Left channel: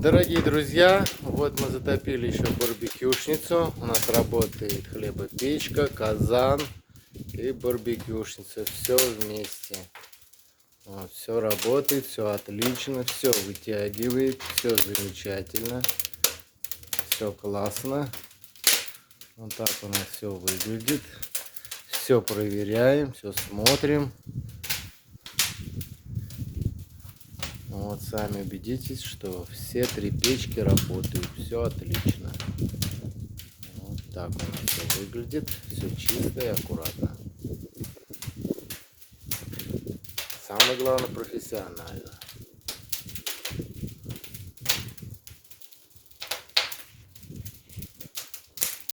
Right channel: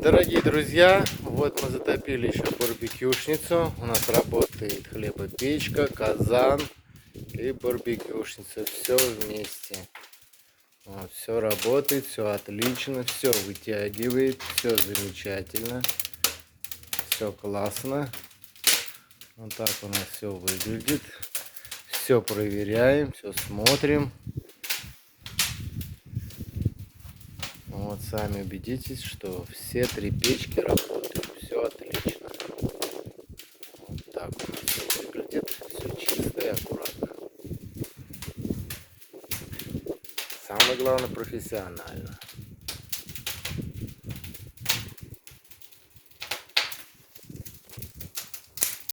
Дорогие друзья, вот мы затопили еще барбекюшницу. У нас работает хлебопечка, казан и барбекюшница. Все вместе. Вот, все работает, все отлично, все вытягивает, все замечательно, все классно. Вот так у нас все выглядит. Все проверяем, все смотрим. Вот сами убедитесь, что все три печки работают, все отлично. Вот так у нас все выглядит, все чисто и аккуратно. Самое главное, профессионально.